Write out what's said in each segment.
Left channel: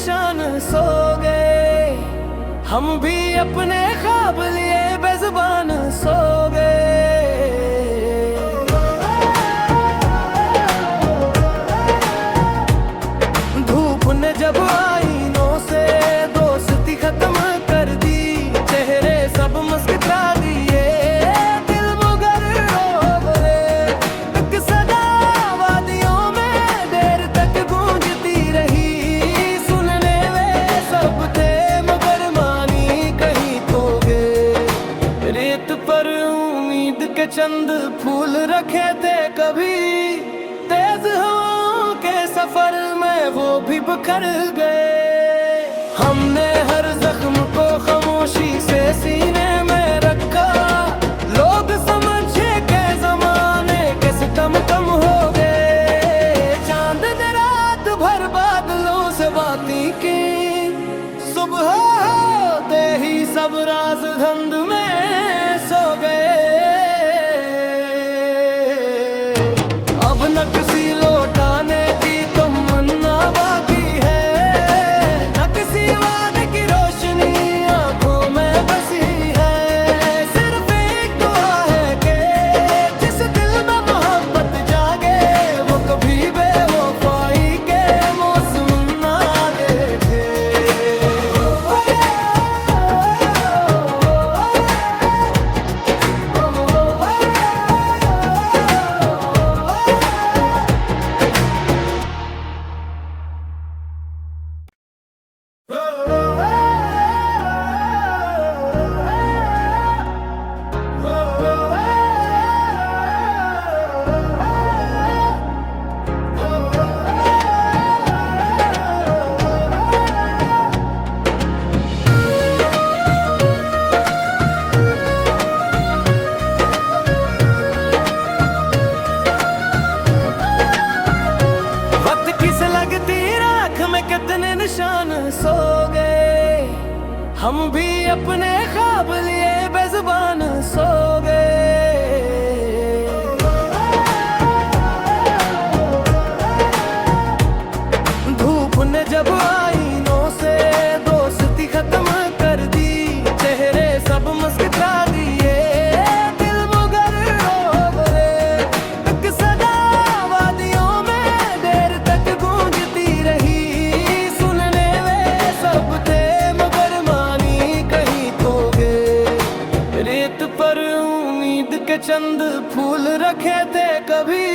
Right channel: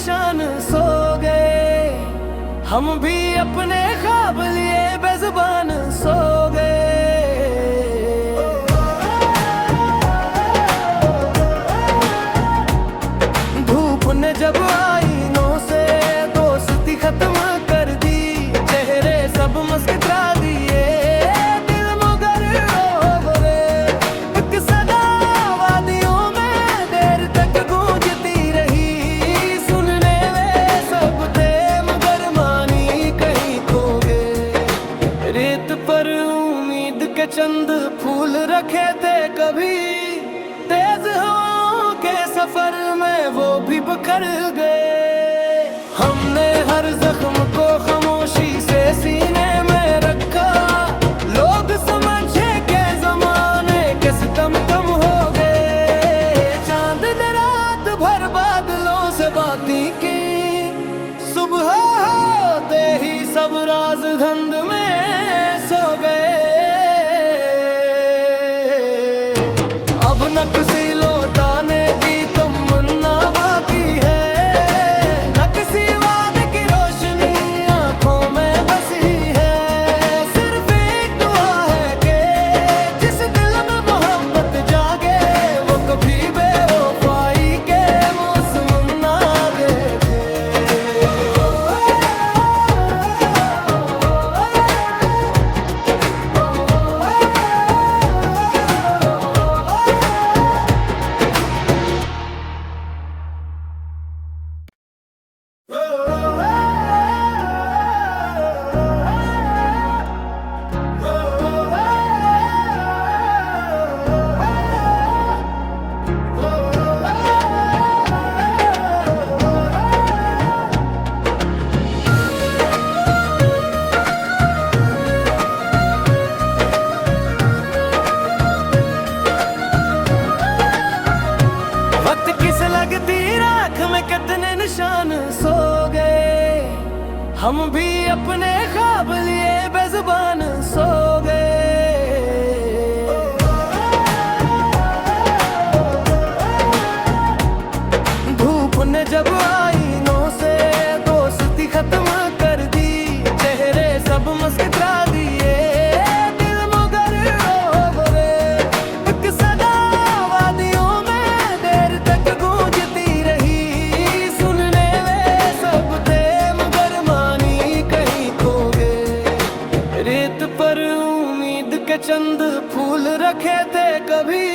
निशान सो गए, हम भी अपने ख्वाब लिए बेजुबान सो गए। धूप ने जब आईनों से दोस्ती खत्म कर दी, चेहरे सब मुस्कुरा दिए, दिल मगर रोवरे। एक सदा वादियों में देर तक गूंजती रही, सुनने वे सब थे मगर मानी कहीं खो गए। रेत पर उम्मीद के चंद फूल रखे थे कभी, तेज हवाओं के सफर में वो भी बिखर गए। हमने हर जख्म को खामोशी से सीने में रखा, लोग समझे के जमाने के सितम कम हो गए। चांद ने रात भर बादलों से बातें की, सुबह होते ही सब राज धुंध में सो गए। अब न किसी लौटाने की तमन्ना बाकी है, न किसी वादे की रोशनी आंखों में बसी है। सिर्फ एक दुआ है कि जिस दिल में मोहब्बत जागे, वो कभी बेवफाई के मौसम ना देखे। वक्त किस लगती राख में कितने निशान सो गए, हम भी अपने ख्वाब लिए बेजुबान सो गए। धूप ने जब आईनों से दोस्ती खत्म कर दी, चेहरे सब मुस्कुरा दिए, दिल मगर रोवरे। एक सदा वादियों में देर तक गूंजती रही, सुनने वे सब थे मगर मानी कहीं खो गए। रेत पर उम्मीद के चंद फूल रखे थे कभी,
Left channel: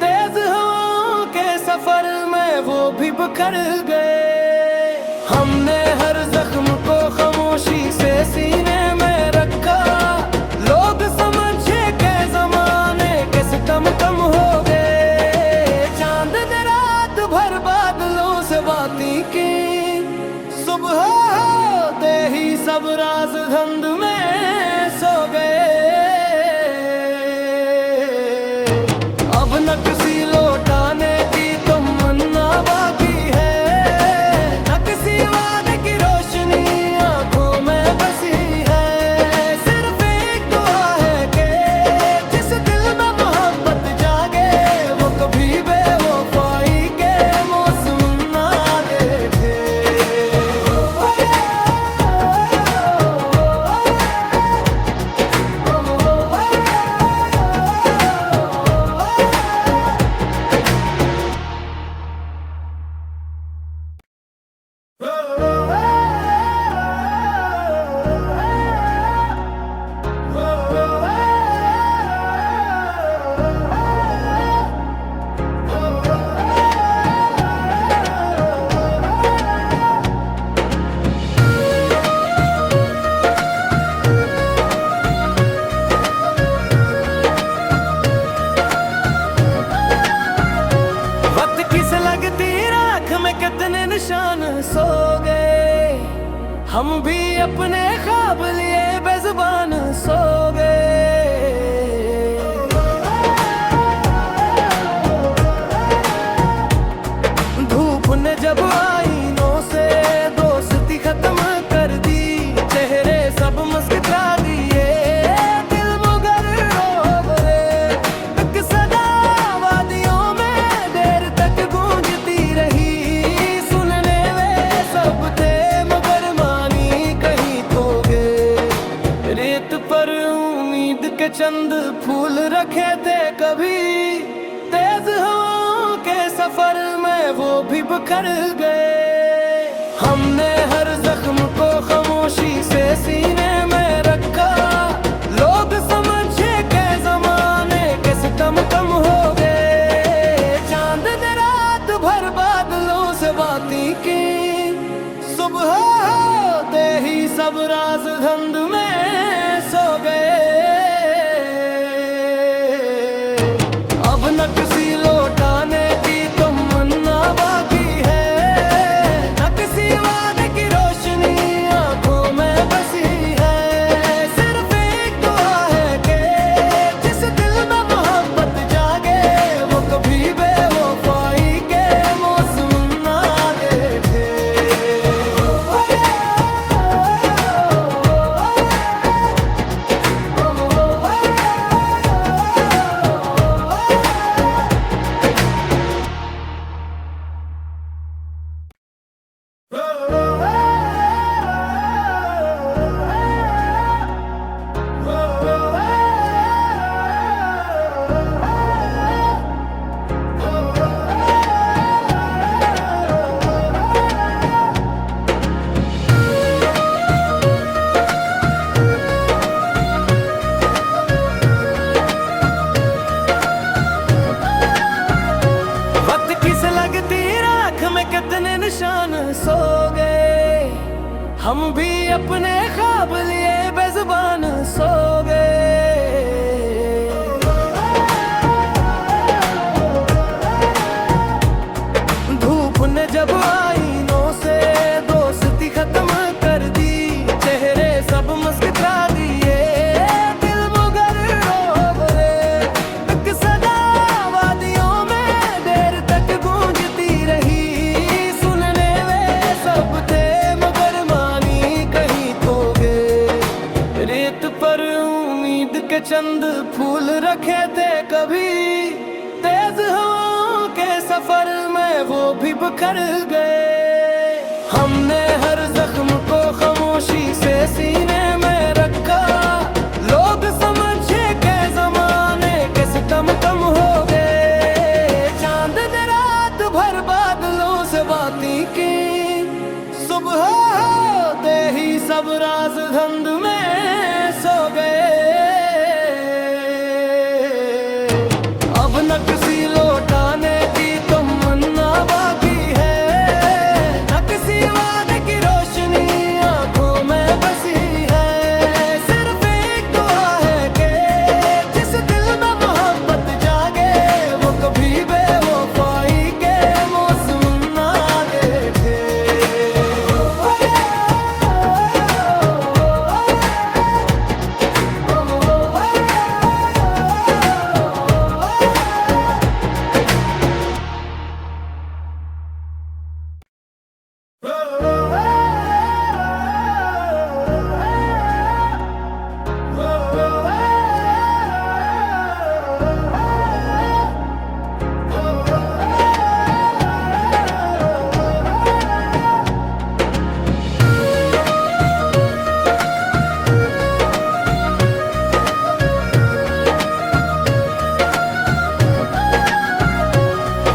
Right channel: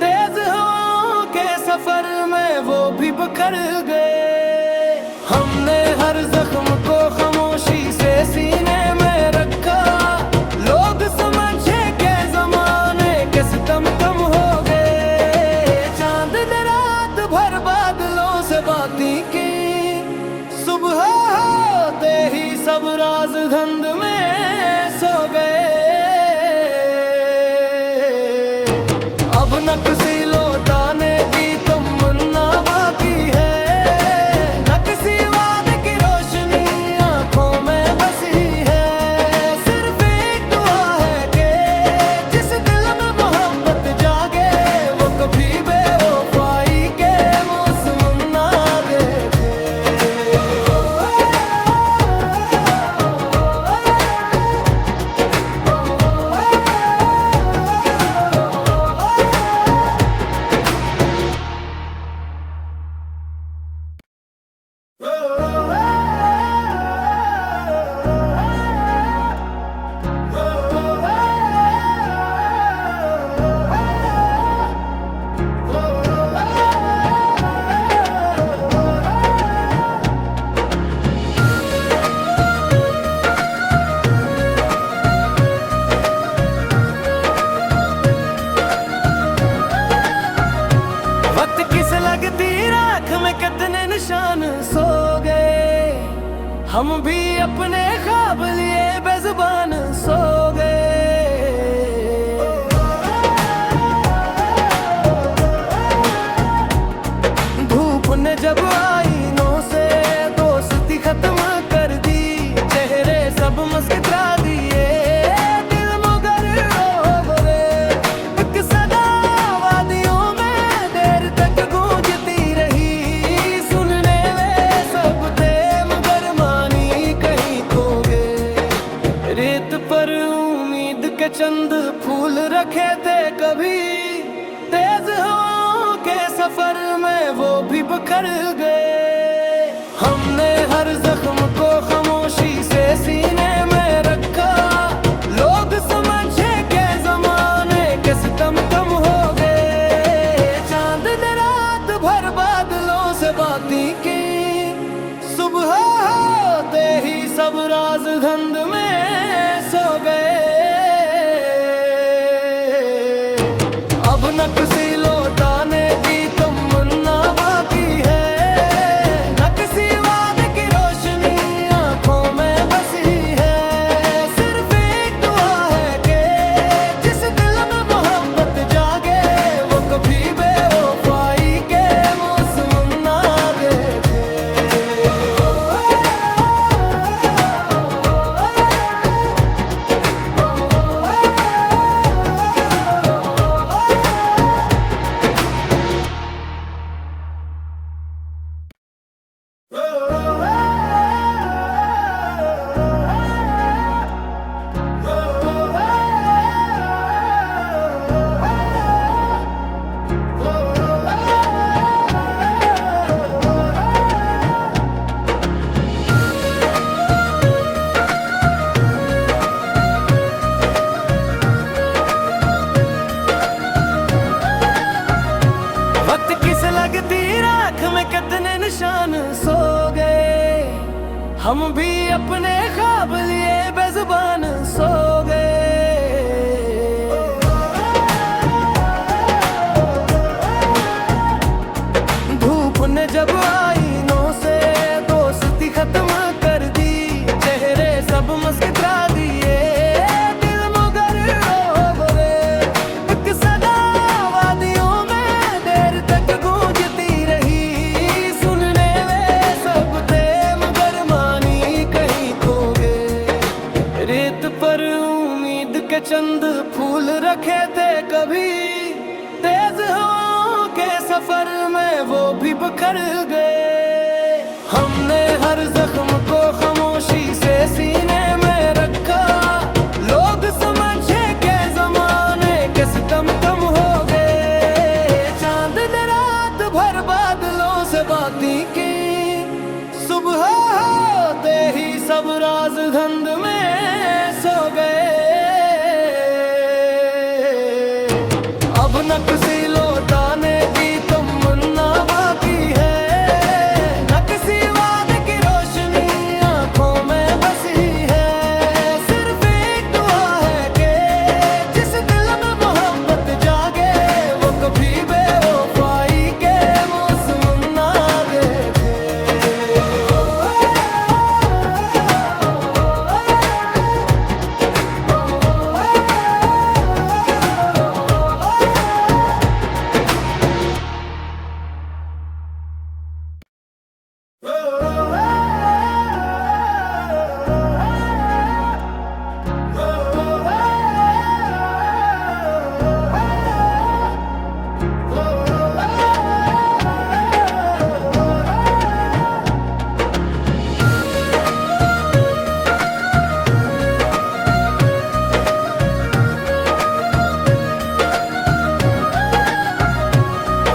तेज हवाओं के सफर में वो भी बिखर गए। हमने हर जख्म को खामोशी से सीने में रखा, लोग समझे के जमाने के सितम कम हो गए। चांद ने रात भर बादलों से बातें की, सुबह होते ही सब राज धुंध में सो गए। अब न किसी लौटाने की तमन्ना बाकी है, न किसी वादे की रोशनी आंखों में बसी है। सिर्फ एक दुआ है कि जिस दिल में मोहब्बत जागे, वो कभी बेवफाई के मौसम ना देखे। वक्त किस लगती राख में कितने निशान सो गए, हम भी अपने ख्वाब लिए बेजुबान सो गए। धूप ने जब आईनों से दोस्ती खत्म कर दी, चेहरे सब मुस्कुरा दिए, दिल मगर रोवरे। एक सदा वादियों में देर तक गूंजती रही, सुनने वे उम्मीद के चंद फूल रखे थे कभी, तेज हवाओं के सफर में वो भी बिखर गए। हमने हर जख्म को खामोशी से सीने में रखा, लोग समझे के जमाने के सितम कम हो गए। चांद ने रात भर बादलों से बातें की, सुबह होते ही सब राज धुंध में सो गए। अब न किसी लौटाने की तमन्ना बाकी है, न किसी वादे की रोशनी आंखों में बसी है। सिर्फ एक दुआ है कि जिस दिल में मोहब्बत जागे, वो कभी बेवफाई के मौसम ना देखे। वक्त किस लगती राख में कितने निशान सो गए, हम भी अपने ख्वाब लिए बेजुबान सो गए। धूप ने जब आईनों से दोस्ती खत्म कर दी, चेहरे सब मुस्कुरा दिए, दिल मगर रो गए। एक सदा वादियों में देर तक गूंजती रही, सुनने वे सब थे मगर मानी कहीं खो गए। रेत पर उम्मीद के चंद फूल रखे थे कभी, तेज हवाओं के सफर में वो भी बिखर गए। हमने हर जख्म को खामोशी से सीने में रखा, लोग समझे के जमाने के सितम कम हो गए। चांद ने रात भर बादलों से बातें की, सुबह होते ही सब राज धुंध में सो गए। अब न किसी लौटाने की तमन्ना बाकी है, न किसी वादे की रोशनी आंखों में बसी है। सिर्फ एक दुआ है कि जिस दिल में मोहब्बत जागे, वो कभी बेवफाई के मौसम ना देखे।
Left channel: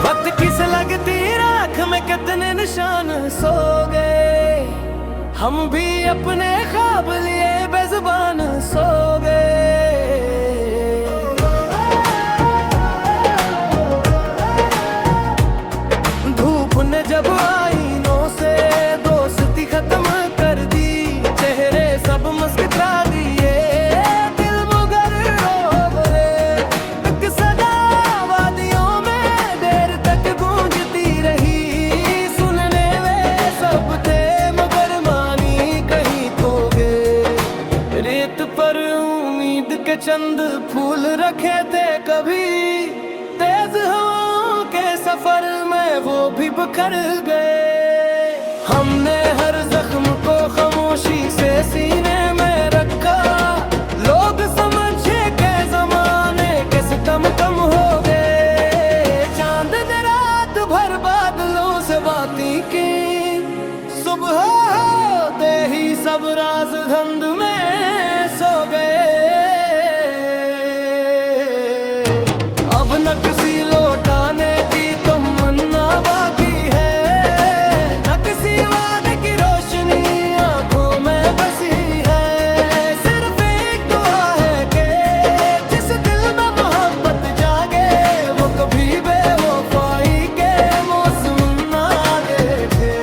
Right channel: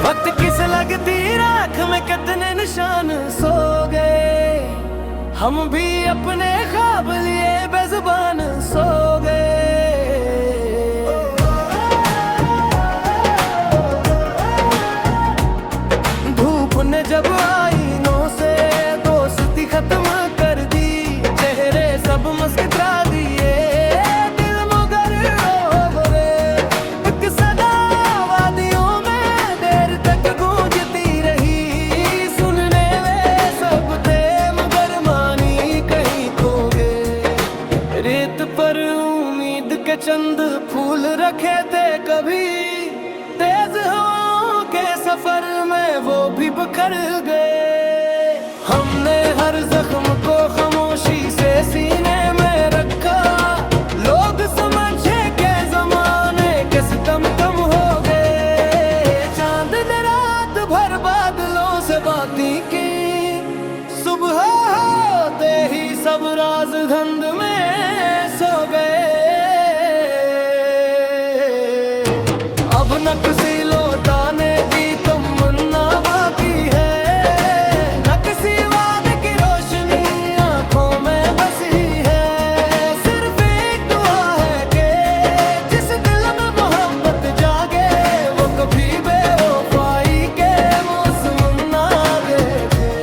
वक्त किस लगती राख में कितने निशान सो गए, हम भी अपने ख्वाब लिए बेजुबान सो गए। धूप ने जब आईनों से दोस्ती खत्म कर दी, चेहरे सब मुस्कुरा दिए, दिल मगर रो गए। एक सदा वादियों में देर तक गूंजती रही, सुनने वे सब थे मगर मानी कहीं खो गए। रेत पर उम्मीद के चंद फूल रखे थे कभी, तेज हवाओं के सफर में वो भी बिखर गए। हमने हर जख्म को खामोशी से सीने में रखा, लोग समझे के जमाने के सितम कम हो गए। चांद ने रात भर बादलों से बातें की, सुबह होते ही सब राज धुंध में सो गए। किसी लौटाने की तमन्ना बाकी है, न किसी वादे की रोशनी आंखों में बसी है। सिर्फ एक दुआ है कि जिस दिल में मोहब्बत जागे वो कभी बेवफाई के मौसम ना देखे।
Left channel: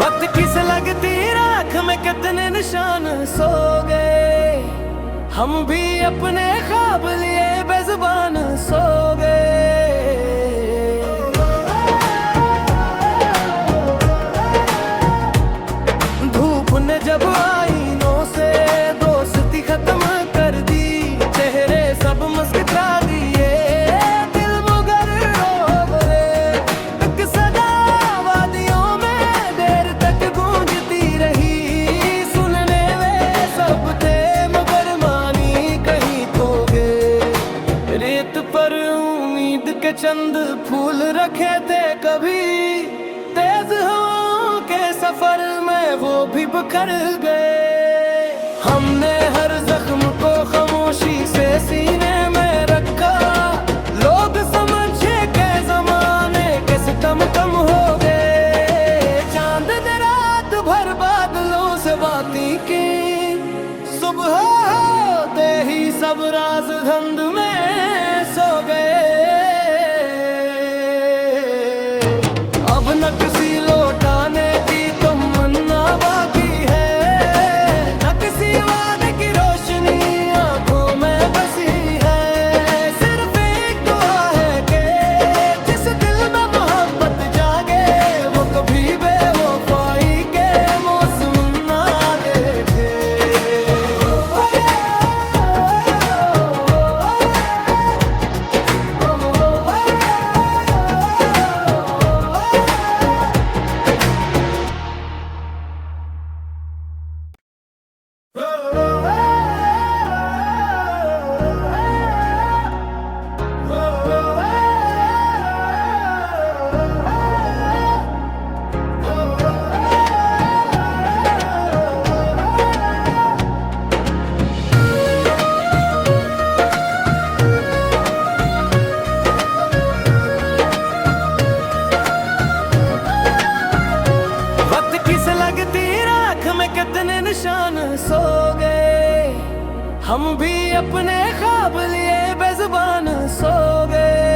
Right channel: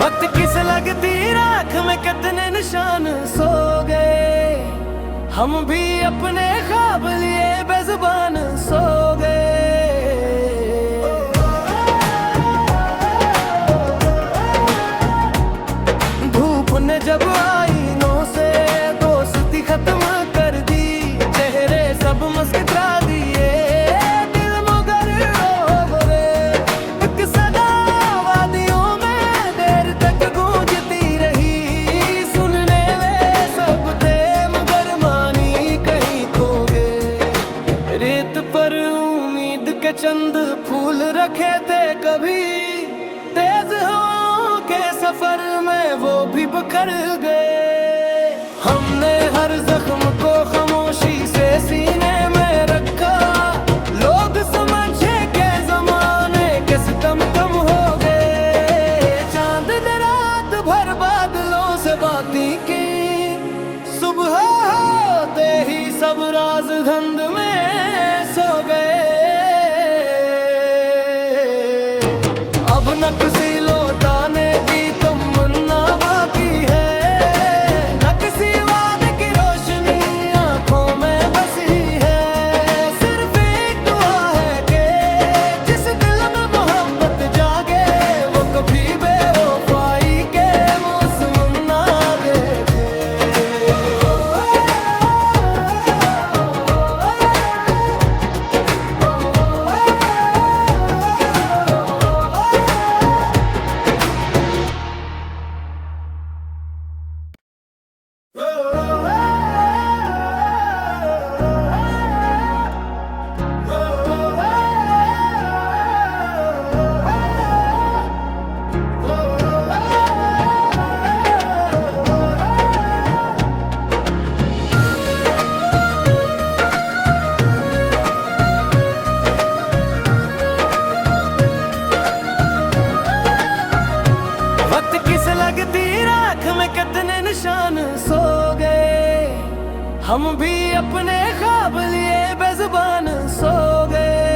वक्त किस लगती राख में कितने निशान सो गए, हम भी अपने ख्वाब लिए बेजुबान सो गए। धूप ने जब आईनों से दोस्ती खत्म कर दी, चेहरे सब मुस्कुरा दिए, दिल मगर रो गए। एक सदा वादियों में देर तक गूंजती रही, सुनने वे सब थे मगर मानी कहीं खो गए। रेत पर उम्मीद के चंद फूल रखे थे कभी, तेज हवाओं के सफर में वो भी बिखर गए। हमने हर जख्म को खामोशी से सीने में रखा, लोग समझे के जमाने के सितम कम हो गए। चांद ने रात भर बादलों से बातें की, सुबह होते ही सब राज धुंध में सो गए। अब न किसी लौटाने की तमन्ना बाकी है, न किसी वादे की रोशनी आंखों में बसी है। सिर्फ एक दुआ है कि जिस दिल में मोहब्बत जागे वो कभी बेवफाई के मौसम ना देखे। वक्त किस लगती राख में कितने निशान सो गए, हम भी अपने ख्वाब लिए बेजुबान सो गए।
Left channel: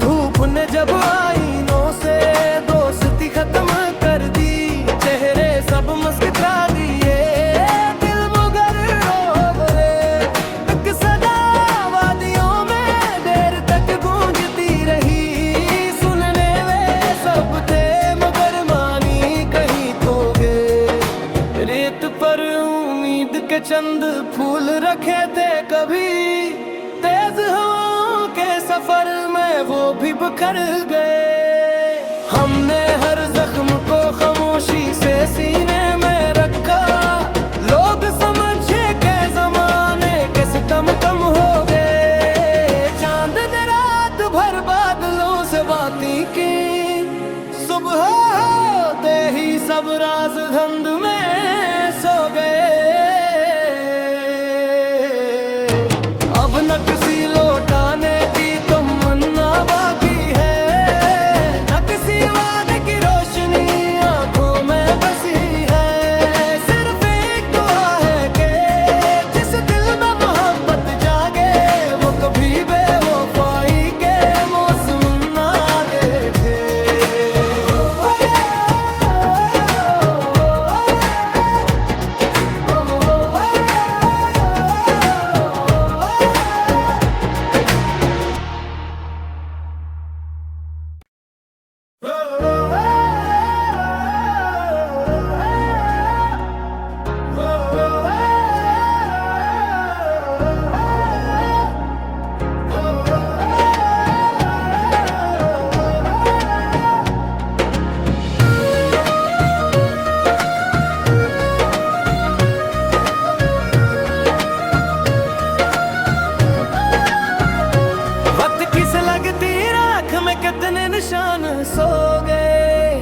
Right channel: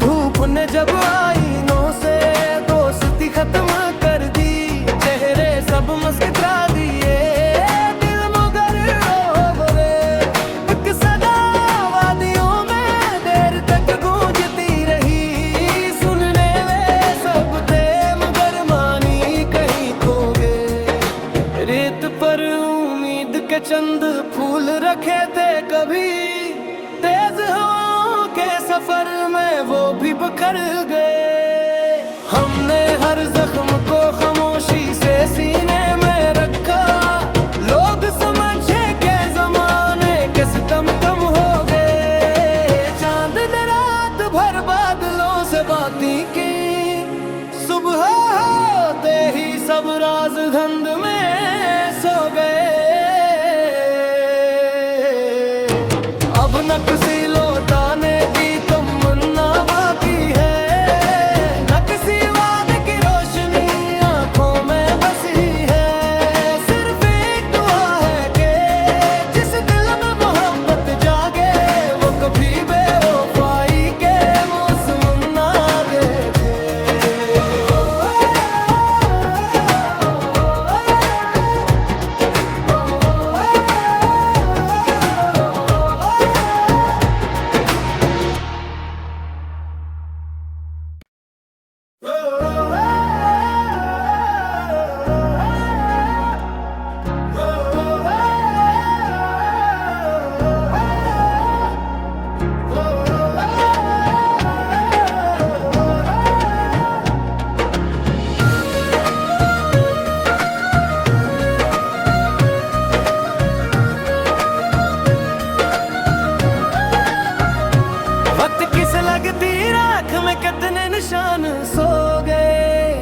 धूप ने जब आईनों से दोस्ती खत्म कर दी, चेहरे सब मुस्कुरा दिए, दिल मगर रो गए। एक सदा वादियों में देर तक गूंजती रही, सुनने वे सब थे मगर मानी कहीं खो गए। रेत पर उम्मीद के चंद फूल रखे थे कभी, तेज हवाओं के सफर में वो भी बिखर गए। हमने हर जख्म को खामोशी से सीने में रखा, लोग समझे के जमाने के सितम कम हो गए। चांद ने रात भर बादलों से बातें की, सुबह होते ही सब राज धुंध में सो गए। अब न किसी लौटाने की तमन्ना बाकी है, न किसी वादे की रोशनी आंखों में बसी है। सिर्फ एक दुआ है कि जिस दिल में मोहब्बत जागे वो कभी बेवफाई के मौसम ना देखे। निशान सो गए,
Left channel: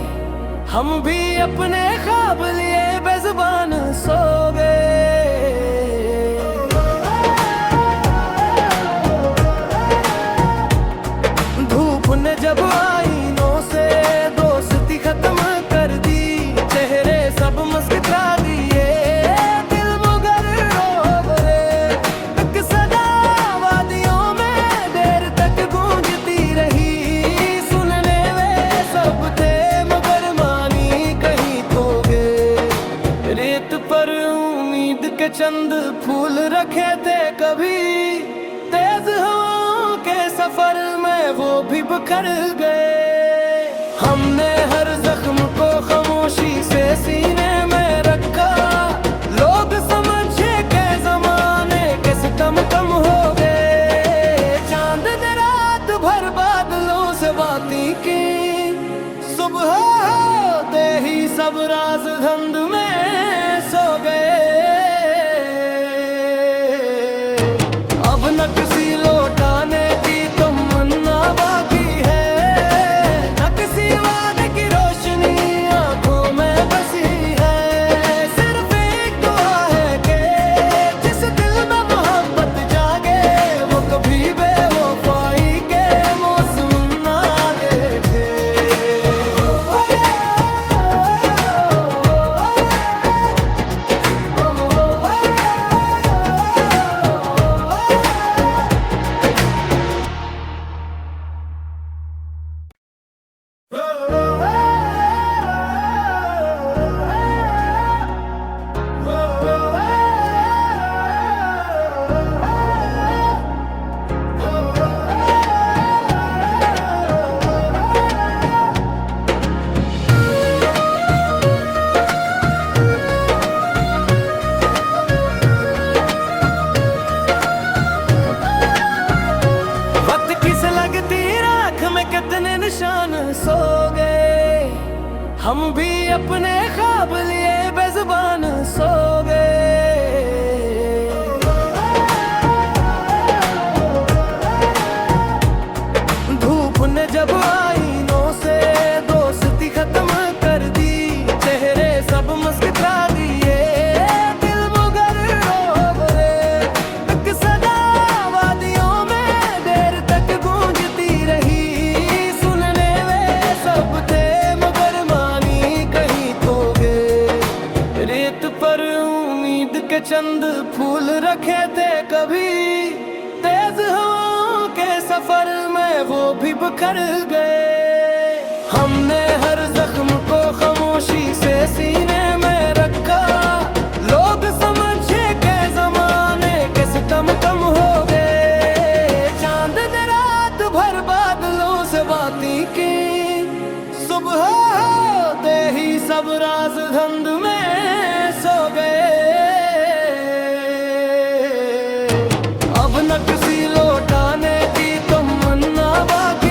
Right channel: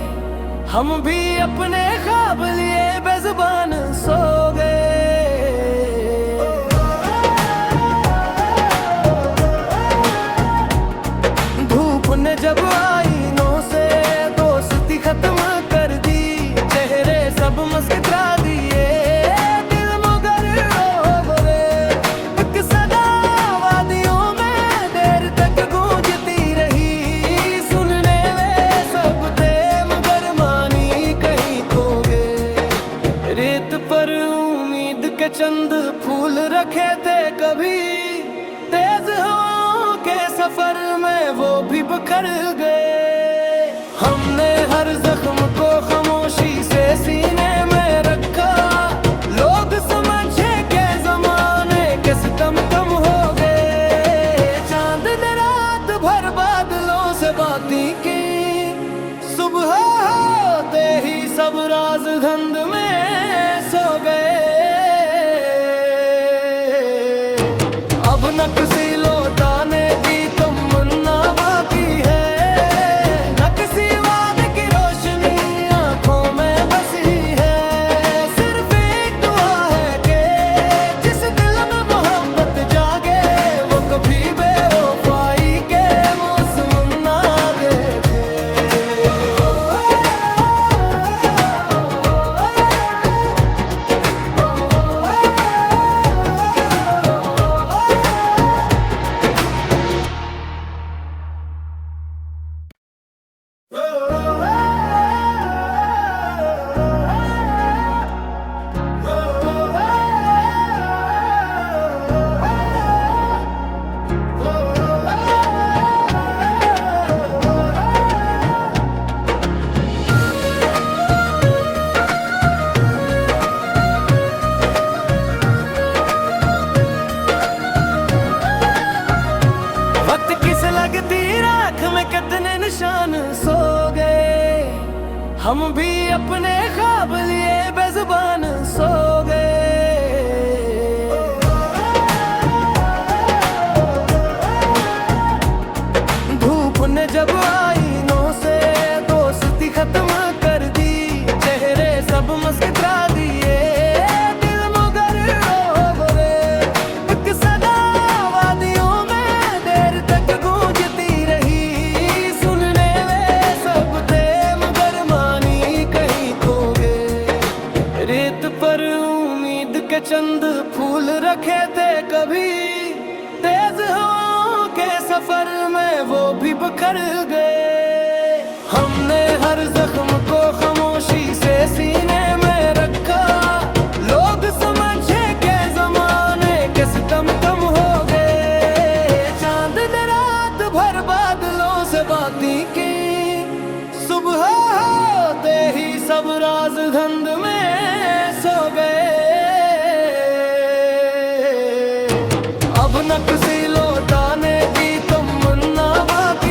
हम भी अपने ख्वाब लिए बेजुबान सो गए। धूप ने जब आईनों से दोस्ती खत्म कर दी, चेहरे सब मुस्कुरा दिए, दिल मगर रो गए। एक सदा वादियों में देर तक गूंजती रही, सुनने वे सब थे मगर मानी कहीं खो गए। रेत पर उम्मीद के चंद फूल रखे थे कभी, तेज हवाओं के सफर में वो भी बिखर गए। हमने हर जख्म को खामोशी से सीने में रखा, लोग समझे के जमाने के सितम कम हो गए। चांद ने रात भर बादलों से बातें की, सुबह होते ही सब राज धुंध में सो गए। अब न किसी लौटाने की तमन्ना बाकी है, न किसी वादे की रोशनी आंखों में बसी है। सिर्फ एक दुआ है कि जिस दिल में मोहब्बत जागे, वो कभी बेवफाई के मौसम ना देखे। वक्त किस लगती राख में कितने निशान सो गए, हम भी अपने ख्वाब लिए बेजुबान सो गए। धूप ने जब आईनों से दोस्ती खत्म कर दी, चेहरे सब मुस्कुरा दिए, दिल मगर रो गए। एक सदा वादियों में देर तक गूंजती रही, सुनने वे सब थे मगर मानी कहीं खो गए। रेत पर उम्मीद के चंद फूल रखे थे कभी, तेज हवाओं के सफर में वो भी बिखर गए। हमने हर जख्म को खामोशी से सीने में रखा, लोग समझे के जमाने के सितम कम हो गए। चांद ने रात भर बादलों से बातें की, सुबह होते ही सब राज धुंध में सो गए। अब न किसी लौटाने की तमन्ना बाकी